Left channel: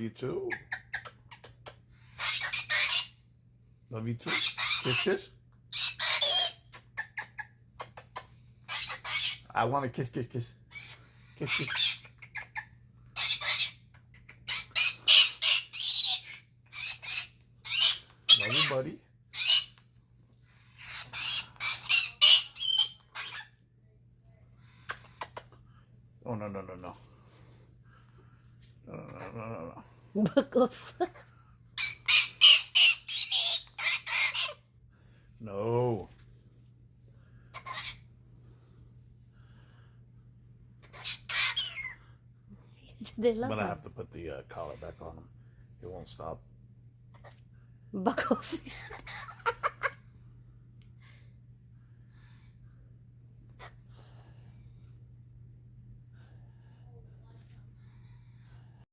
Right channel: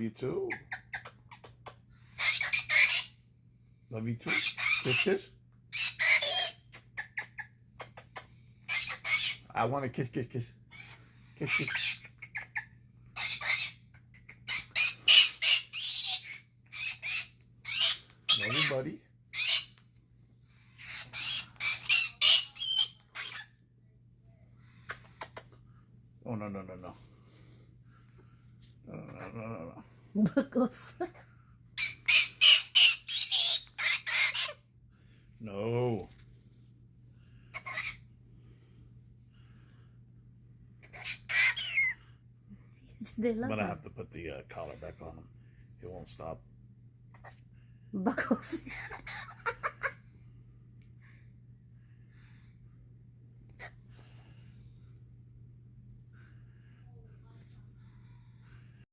you too. Love you too. Kiss, kiss. I want to kiss, kiss, kiss. Kiss, kiss. Love you, buddy. Oh, no, no, no, no. No, no, no, no, no. Back off. No. I'm going to have to put the collar back on him. It won't stop. Back off.